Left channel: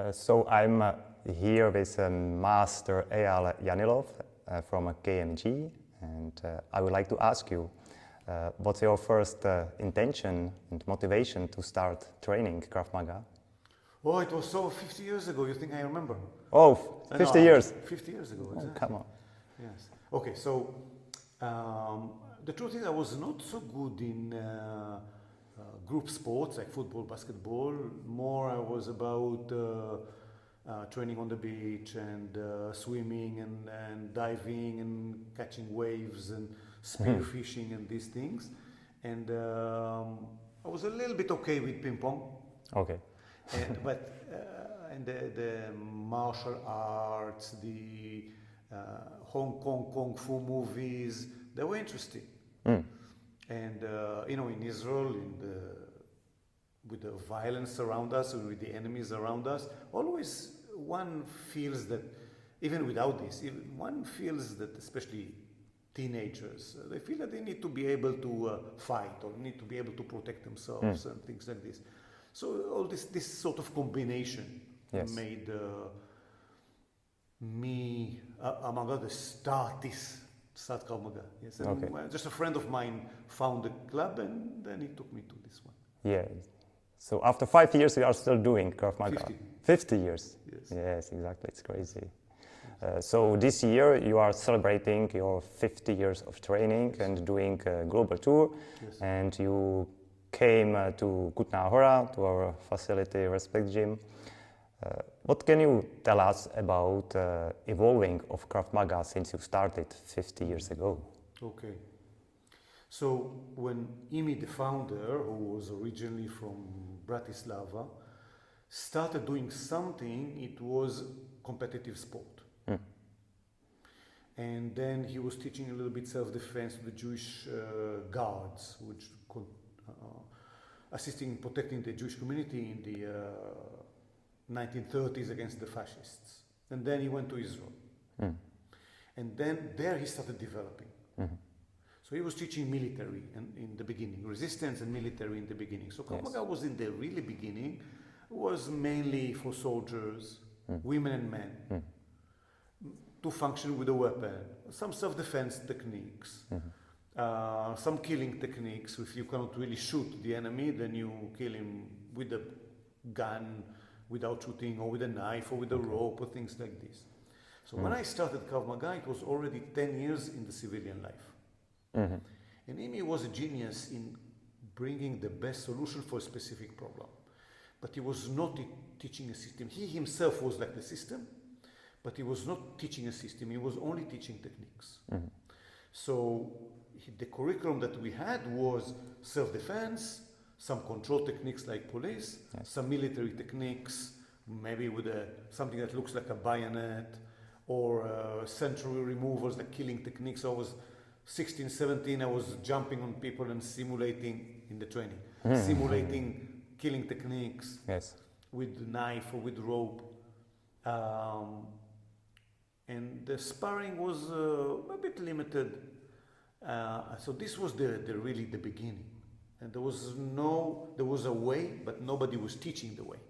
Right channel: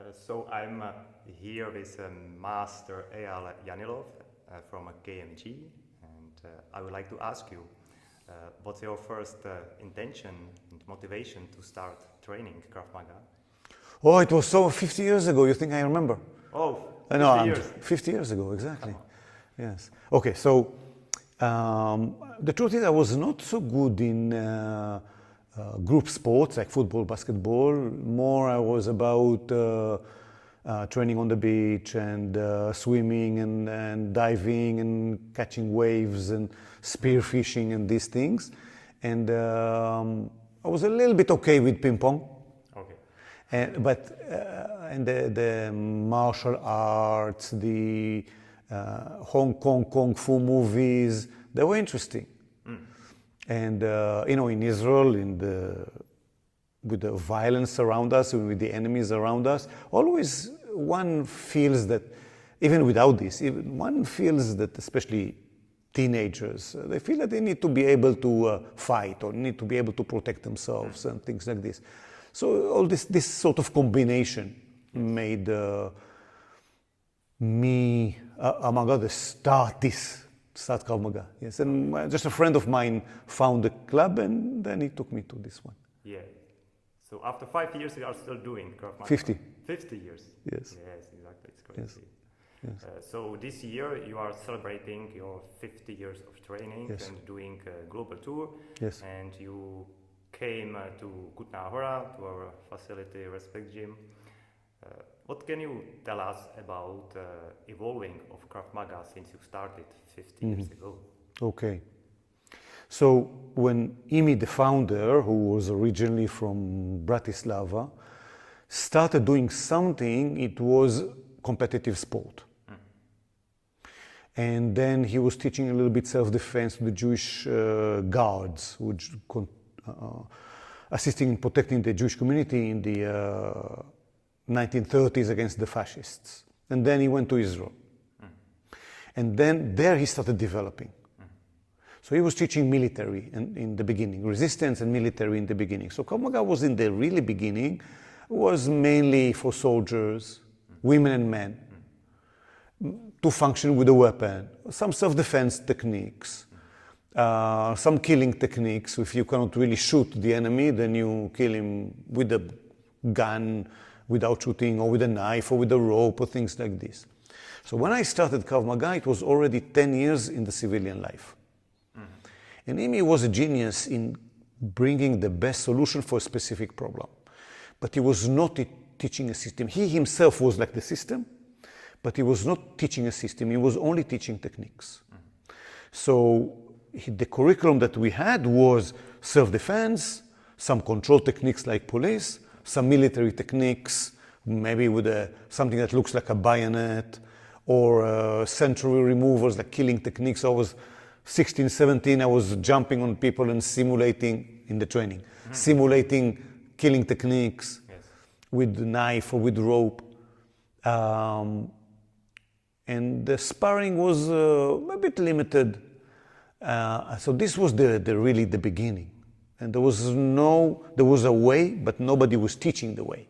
So I'm here with Master Eyal Yanilov from KMG, and I would like to ask you, what's your first intention and motivation to start training Krav Maga? Oh, it was so 50 years ago. You think I remember? Oh, 50 years. 50 years ago, exactly. Oh, come on. Yes. Okay, so the truth is I was not so good in group sports like football, basketball. More I was about training on the beach and swimming and diving and catching waves and spear fishing and these things. And I was a little bit okay with ping pong. Okay. But the martial arts, the Hong Kong Kung Fu movies, they were interesting. And in Israel, with the violence around us, with the enemies around us, always one feels that, even without this, one feels that, especially teenagers, they feel that they need to be able to fight or need to be able to protect themselves and things like this. So all this sort of combination made me, among others, start Krav Maga. Yes, and just a friend of mine found the club, and then he took me to this one. Yeah. So after 5 years, you are still doing Krav Maga? 50. 50 years. Yes. Yes, exactly. It's crazy. Yes. So this year you are celebrating your 50 years of training and doing a global tour. Yes. And you came to Kutna Hora, to our facility, Respect Gym. What can you tell us about evolving of Krav Maga since you started 50 years ago? Okay. So when Imi, the founder, who was originally from Bratislava, started doing something, it was competitive sport. And then he was teaching a little bit self-defense to the Jewish guards, which assisting in protecting the Jewish community in the 1930s against the fascists. And then he went to Israel. And then there he started developing. So he was teaching military in the beginning, resistance and military in the beginning. So Krav Maga was in the really beginning, was mainly for soldiers, women and men, to function with a weapon, some self-defense techniques, some killing techniques. If you cannot really shoot the enemy, then you kill him with a gun, without shooting, or with a knife, or with a rope, or things like this. So when I started Krav Maga, it was already 10 years in the civilian life. And Imi was a genius in bringing the best solution for a specific problem. But he was not teaching a system. He himself was like the system, but he was not teaching a system. He was only teaching techniques. So the curriculum that we had was self-defense, some control techniques like police, some military techniques, maybe with something that looks like a bayonet, or century removals, like killing techniques. I was 16, 17, I was jumping on people and simulating in the training, simulating killing techniques with knife or with rope. And the sparring was a bit limited. So this was really the beginning. And there was a way, but nobody was teaching the way.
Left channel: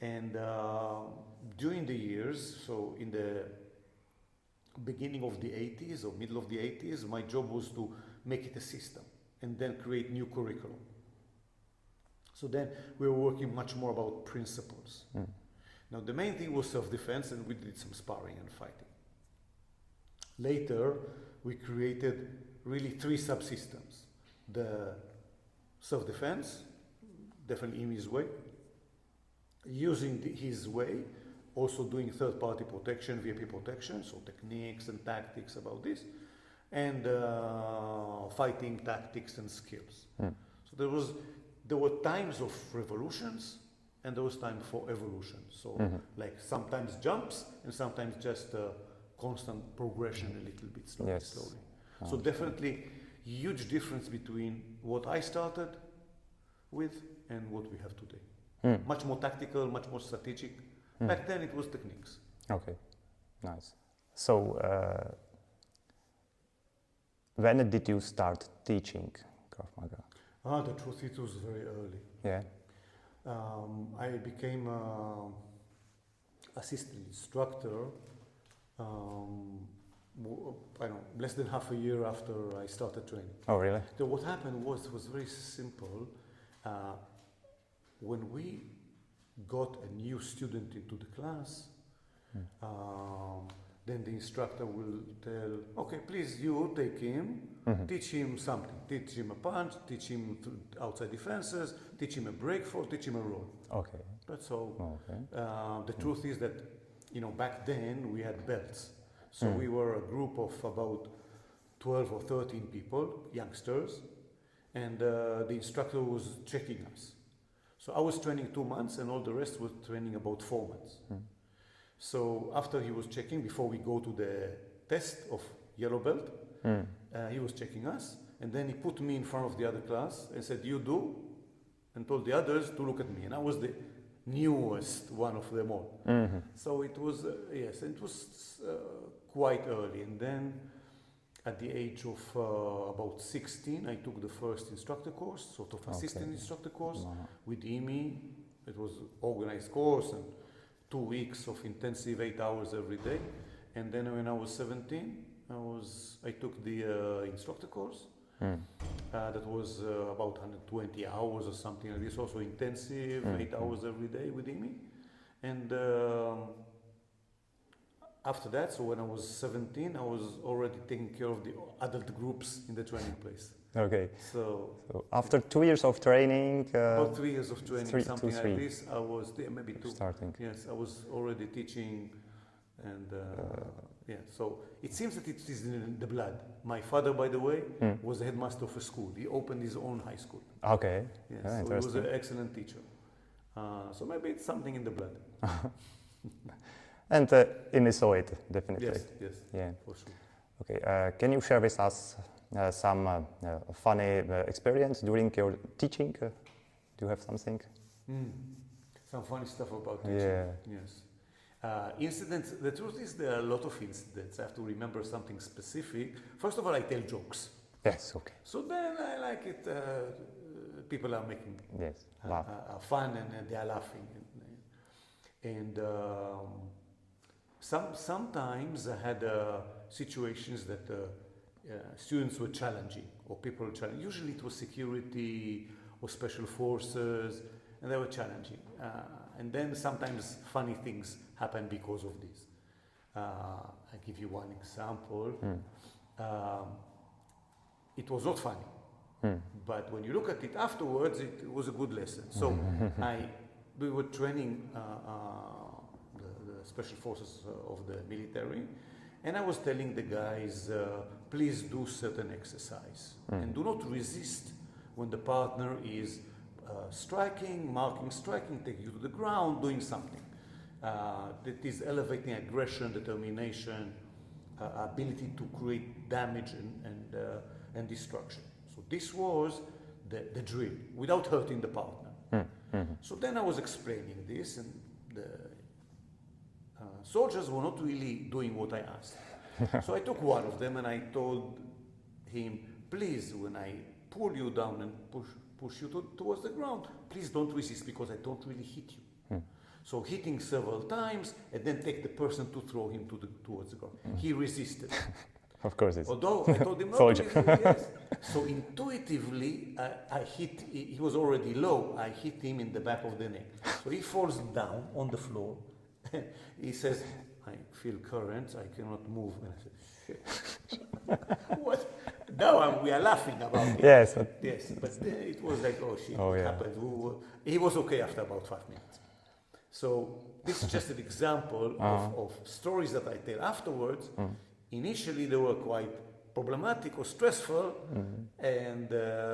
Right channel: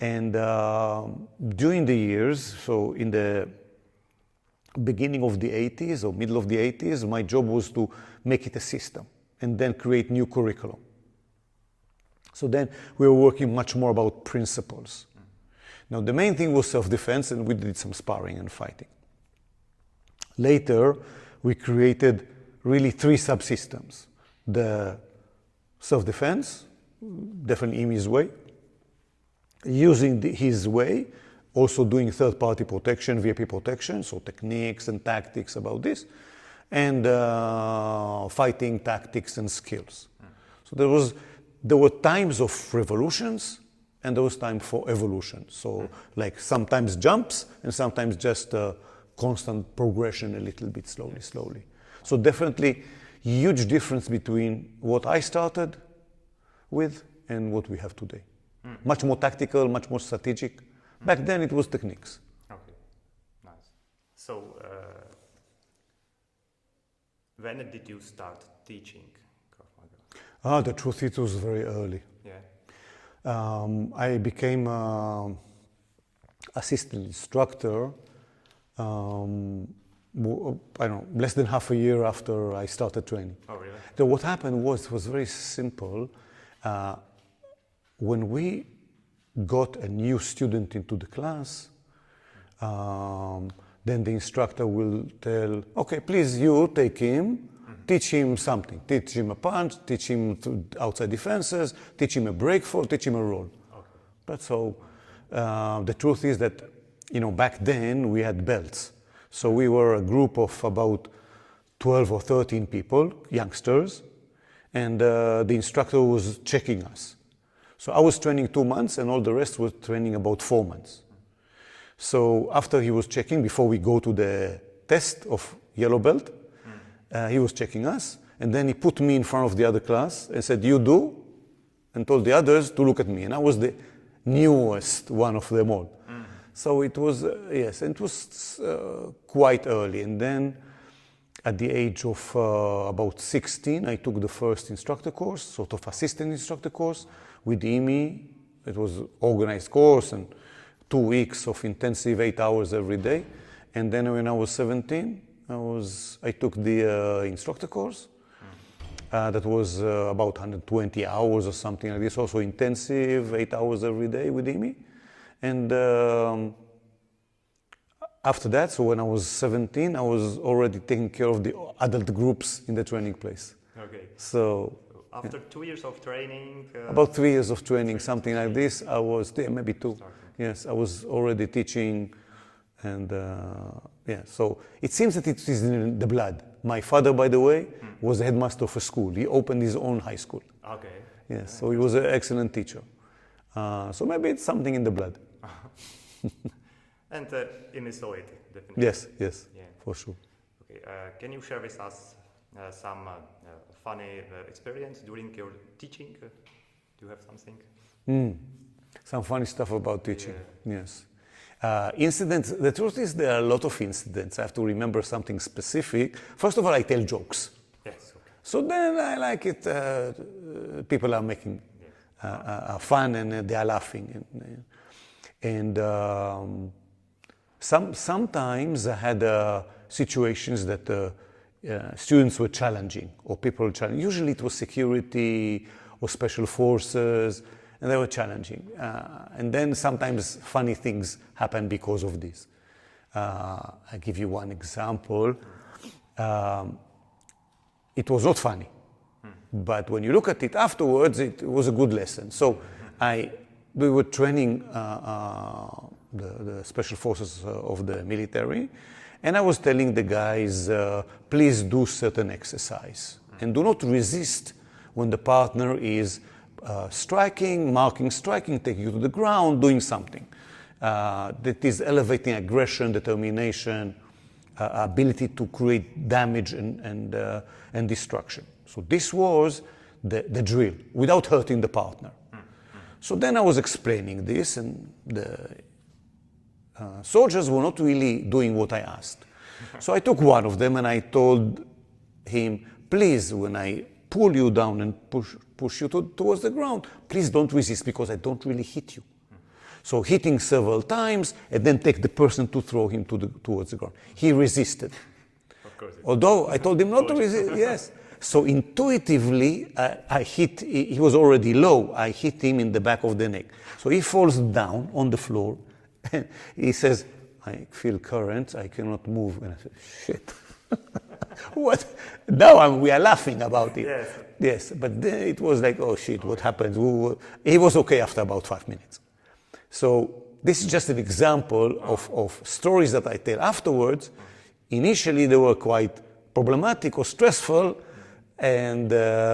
And during the years, so in the beginning of the 80s or middle of the 80s, my job was to make it a system and then create new curriculum. So then we were working much more about principles. Now the main thing was self-defense, and we did some sparring and fighting. Later, we created really 3 subsystems. The self-defense, definitely Imi's way, using his way, also doing third-party protection, VIP protection, so techniques and tactics about this, and fighting tactics and skills. So there were times of revolutions, and there was time for evolution. So like sometimes jumps, and sometimes just constant progression a little bit slowly. So definitely huge difference between what I started with and what we have today. Much more tactical, much more strategic. Back then it was techniques. Okay, nice. So when did you start teaching Krav Maga? The truth, it was very early. Yeah. I became assistant instructor, I don't know, less than half a year after I started training. Oh, really? So what happened was very simple. When we got a new student into the class, then the instructor will tell, okay, please you take him, teach him something. Teach him a punch, teach him outside defenses, teach him a break fall, teach him a roll. Okay. That's all. Okay. The truth is that, back then we had belts. So we were a group of about 12 or 13 people, youngsters, and the instructor was checking us. So I was training 2 months and all the rest was training about 4 months. So after he was checking, before we go to the test of yellow belt, he was checking us, and then he put me in front of the other class and said, you do, and told the others to look at me. And I was the newest one of them all. So it was, yes, and it was quite early. And then at the age of about 16, I took the first instructor course, sort of assistant instructor course with IMI. It was organized course and 2 weeks of intensive 8 hours every day. And then when I was 17, I took the instructor course. That was about 120 hours or something like this, also intensive, 8 hours every day with IMI. And after that, so when I was 17, I was already taking care of the adult groups in the training place. Okay. So after 2 years of training? About 3 years of training, three- something two, like three. this, I was there, maybe 2. Starting. Yes, I was already teaching, and yeah, so it seems that it is in the blood. My father, by the way, was the headmaster of a school. He opened his own high school. Okay. Yes, so he was an excellent teacher. So maybe it's something in the blood. And in the soil, definitely. Yes, yes, Yeah. for sure. Okay. Can you share with us some funny experience during your teaching? Do you have something? Some funny stuff about teaching. Yeah. Yes. Incidents, the truth is there are a lot of incidents. I have to remember something specific. First of all, I tell jokes. Yes, okay. So then I like it, people are making Yes. fun and they are laughing. And sometimes I had situations that students were challenging or people were challenging. Usually it was security or special forces, and they were challenging. And then sometimes funny things happen because of this. I'll give you one example. It was not funny, but when you look at it afterwards, it was a good lesson. So we were training the special forces of the military, and I was telling the guys, please do certain exercise and do not resist when the partner is striking, marking, striking, taking you to the ground, doing something that is elevating aggression, determination, ability to create damage and destruction. So this was the drill, without hurting the partner. So then I was explaining this, and the soldiers were not really doing what I asked. So I took one of them and I told him, please, when I pull you down and push you towards the ground, please don't resist, because I don't really hit you. So hitting several times and then take the person to throw him towards the ground. He resisted. Of course. Although I told him not to resist, yes. So intuitively, I hit, he was already low, I hit him in the back of the neck. So he falls down on the floor, and he says, I feel currents, I cannot move. And I said, shit. What? Now we are laughing about it. Yes. Yes, but then it was like, oh shit, what happened? He was okay after about 5 minutes. So this is just an example of stories that I tell afterwards. Initially, they were quite problematic or stressful, and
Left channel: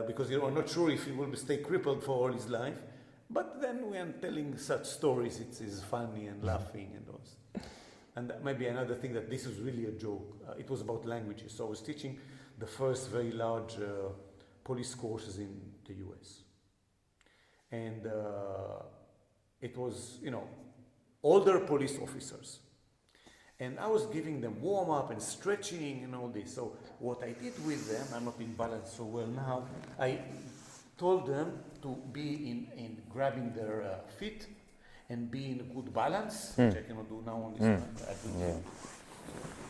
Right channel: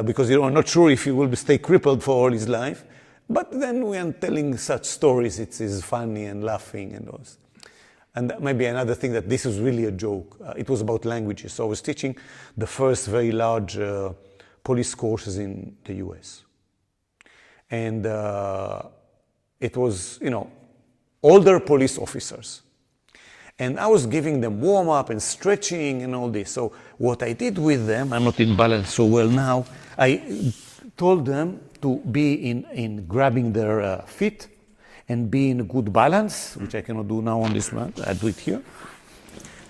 because you're not sure if he will stay crippled for all his life. But then when telling such stories, it is funny and laughing and all. And maybe another thing, that this is really a joke. It was about languages. So I was teaching the first very large police courses in the US. And it was, older police officers. And I was giving them warm-up and stretching and all this. So what I did with them, I'm not in balance so well now, I told them to be in grabbing their feet and be in a good balance, which I cannot do now on this one. I do it here.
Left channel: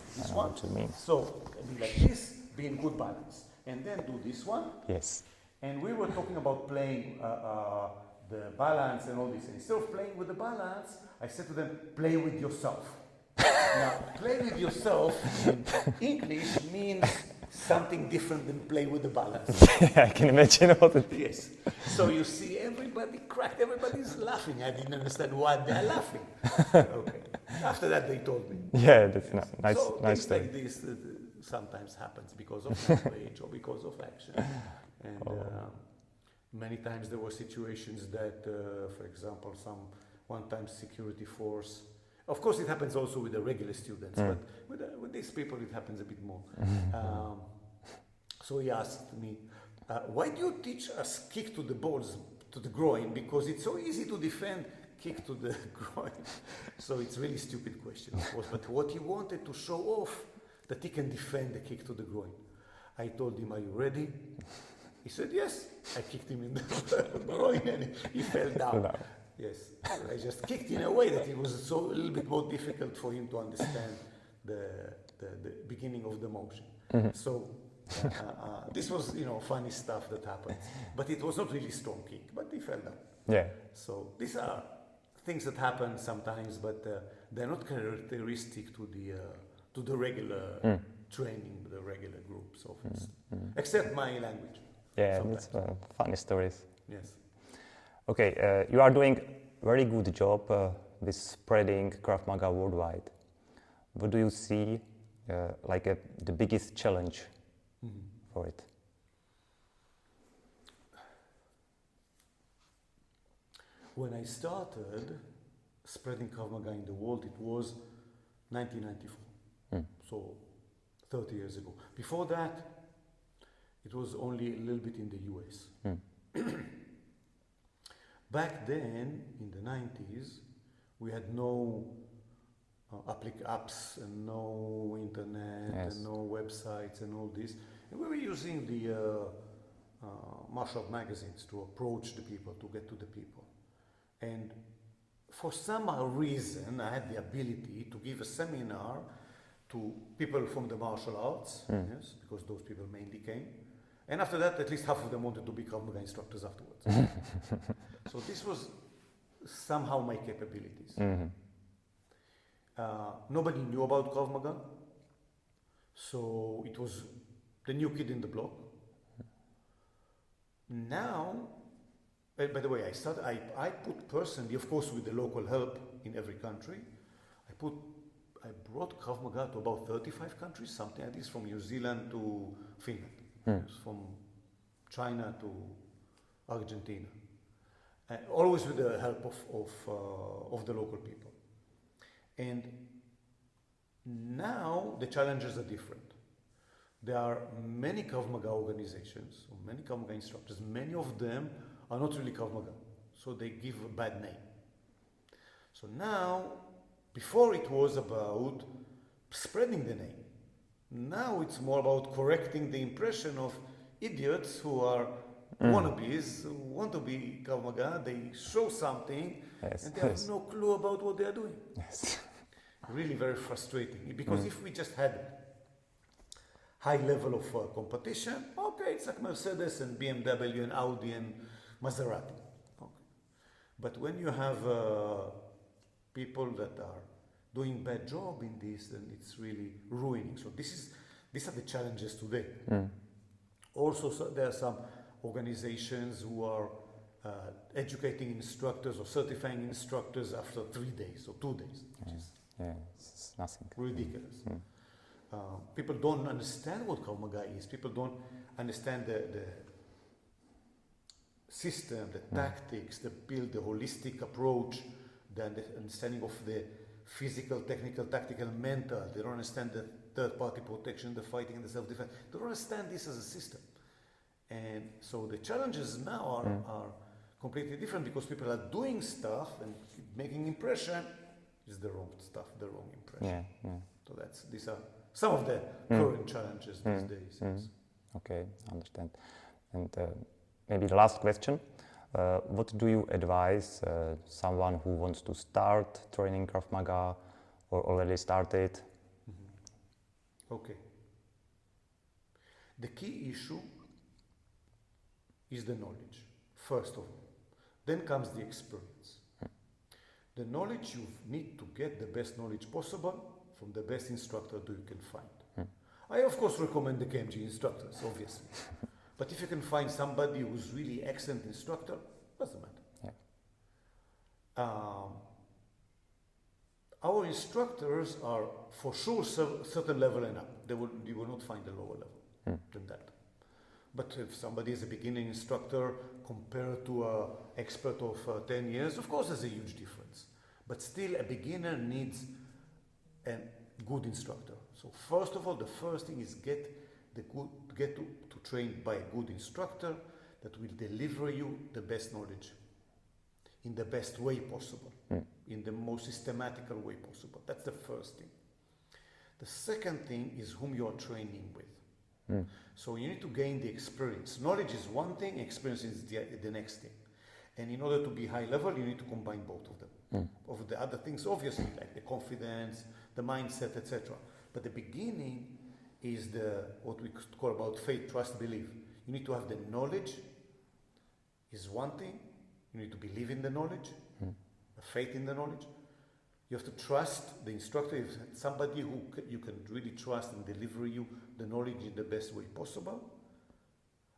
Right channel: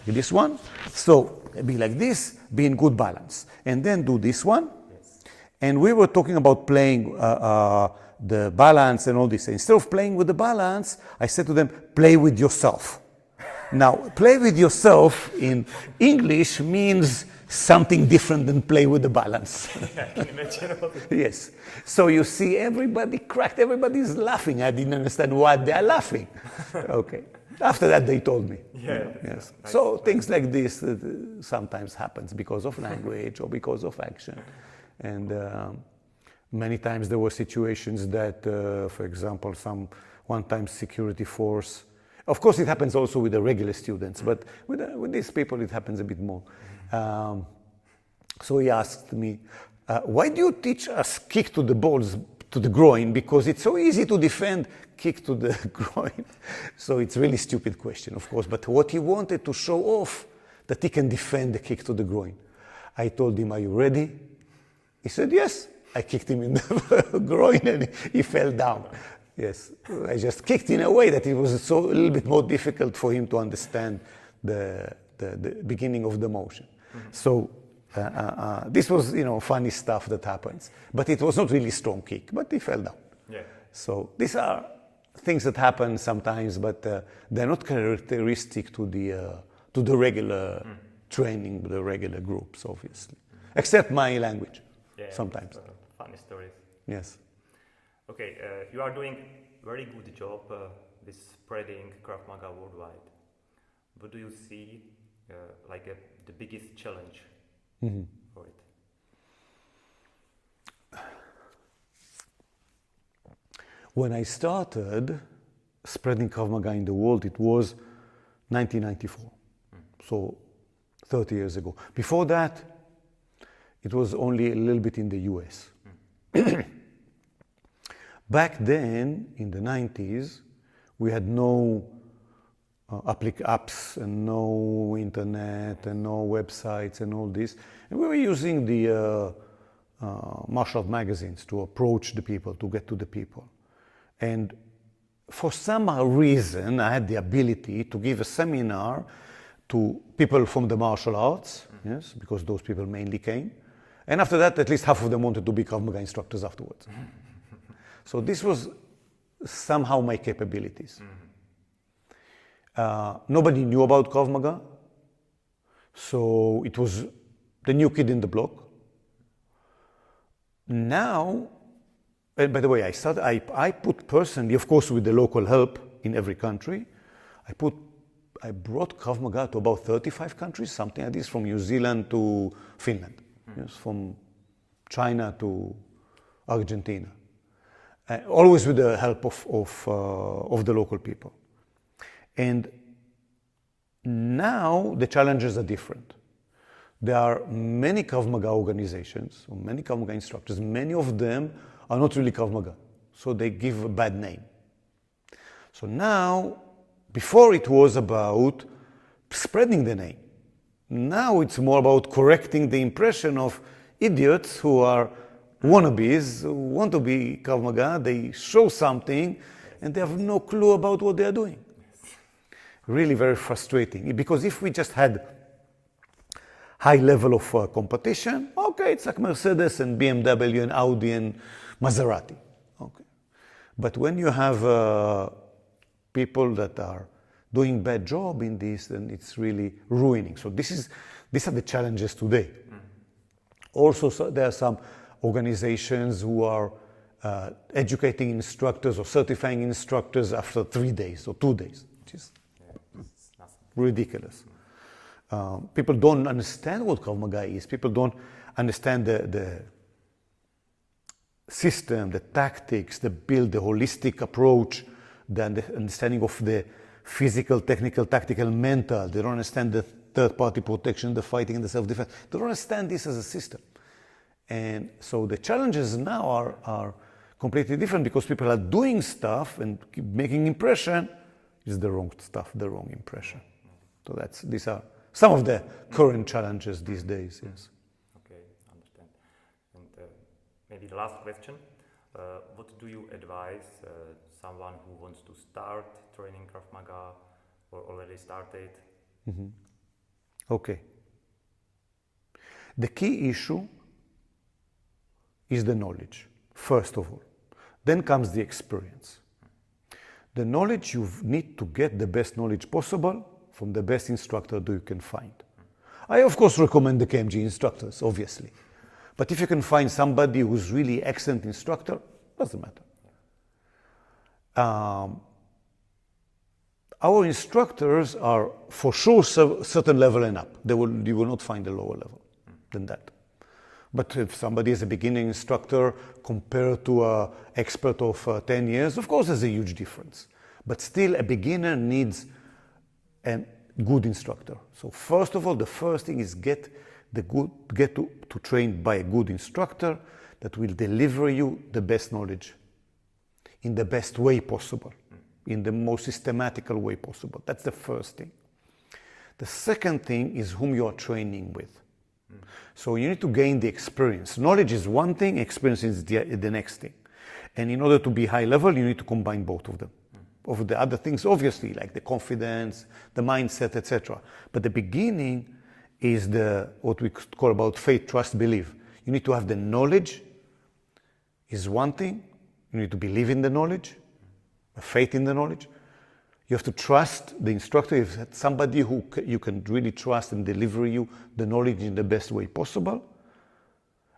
This one. So be like this, be in good balance. And then do this one. Yes. And we were talking about playing the balance and all this. Instead of playing with the balance, I said to them, play with yourself. Now, play with yourself in English means something different than play with the balance. I can imagine what it is. Yes. So you see everybody cracked, everybody's laughing. I didn't understand why they are laughing. Okay. After that, they told me. Yeah, that's Yes. nice. So nice things to- like this sometimes happens because of language or because of action. And many times there were situations that, for example, one time security force, of course it happens also with the regular students, but with these people it happens a bit more. So he asked me, why do you teach us kick to the balls, to the groin? Because it's so easy to defend kick to the groin. So it's a really stupid question, of course, but what he wanted to show off that he can defend the kick to the groin. I told him, are you ready? He said, yes. I kicked him in the groin and he fell down. Yes, I just kicked in a way that it was a little bit more difficult for him to understand the beginning of the motion. So this was, funny stuff that happens. But it was not really strong kick, but he fell down. Yeah. So these are things that happen sometimes, but they're not characteristic to the regular training, the regular groups, obviously. Except my language. Yeah, sometimes. that's, funny stories. Yes. Okay, you are doing very good job with spreading Krav Maga worldwide. What do you see the biggest challenge for it? When I started spreading Krav Maga in the world, it was 1994, so 30 years ago. Before that, it was only a little bit in the US. Back then, in the 90s, we had no apps and no internet and no websites and all this. And we were using the martial art magazines to approach the people, to get to the people. And for some reason, I had the ability to give a seminar to people from the martial arts, yes, because those people mainly came. And after that, at least half of them wanted to be Krav Maga instructors afterwards. So this was somehow my capabilities. Nobody knew about Krav Maga, so it was the new kid in the block. Now, and by the way, I put personally, of course with the local help in every country, I brought Krav Maga to about 35 countries, something like this, from New Zealand to Finland. Yes, from China to Argentina, always with the help of the local people. And now the challenges are different. There are many Krav Maga organizations, or many Krav Maga instructors. Many of them are not really Krav Maga, so they give a bad name. So now, before it was about spreading the name. Now it's more about correcting the impression of idiots who are wannabes, who want to be Krav Maga, they show something, and they have no clue about what they are doing. Yes. Really very frustrating, because if we just had high level of competition, okay, it's like Mercedes and BMW and Audi and Maserati. Okay. But when you have people that are doing bad job in this, then it's really ruining. So these are the challenges today. Also, there are some organizations who are educating instructors or certifying instructors after 3 days or 2 days, which is it's nothing. ridiculous. People don't understand what Krav Maga is. People don't understand the system, the tactics, the build, the holistic approach, the understanding of the physical, technical, tactical, mental. They don't understand the third-party protection, the fighting, and the self-defense. They don't understand this as a system. And so the challenges now are completely different because people are doing stuff and making impression is the wrong stuff, the wrong impression. So these are some of the current challenges these days. Yes. Okay, I understand. And maybe the last question. What do you advise someone who wants to start training Krav Maga or already started? Okay. The key issue is the knowledge, first of all. Then comes the experience. The knowledge, you need to get the best knowledge possible from the best instructor that you can find. I, of course, recommend the KMG instructors, obviously. But if you can find somebody who's really excellent instructor, doesn't matter. Yeah. Our instructors are for sure certain level and up. You will not find a lower level than that. But if somebody is a beginning instructor compared to an expert of 10 years, of course there's a huge difference. But still a beginner needs a good instructor. So first of all, the first thing is get to train by a good instructor that will deliver you the best knowledge in the best way possible, in the most systematical way possible. That's the first thing. The second thing is whom you are training with. So you need to gain the experience. Knowledge is one thing, experience is the next thing. And in order to be high level, you need to combine both of them. Of the other things, obviously, like the confidence, the mindset, etc. But the beginning is what we could call about faith, trust, believe. You need to have the knowledge is one thing. You need to believe in the knowledge, faith in the knowledge. You have to trust the instructor. If it's somebody who you can really trust and deliver you the knowledge in the best way possible.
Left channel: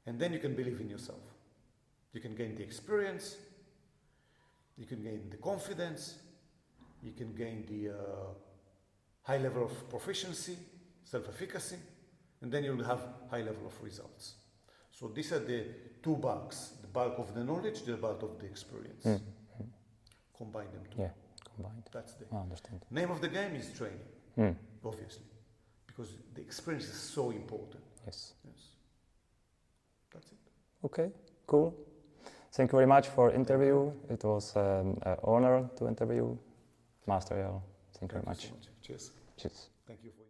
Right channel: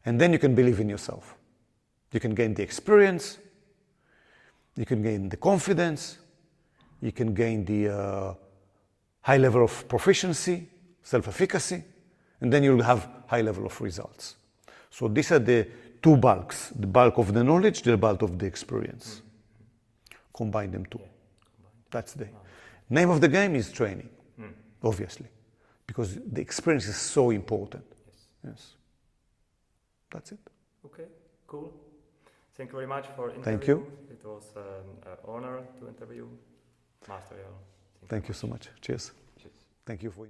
And then you can believe in yourself. You can gain the experience. You can gain the confidence. You can gain the high level of proficiency, self-efficacy. And then you'll have high level of results. So these are the two bulks. The bulk of the knowledge, the bulk of the experience. Combine them two. Yeah. That's the name of the game is training, obviously, because the experience is so important. Yes. Yes. That's it. Okay, cool. Thank you very much for interview. Thank you. It was an honor to interview Master Eyal. Thank you so much. Cheers. Cheers. Thank you for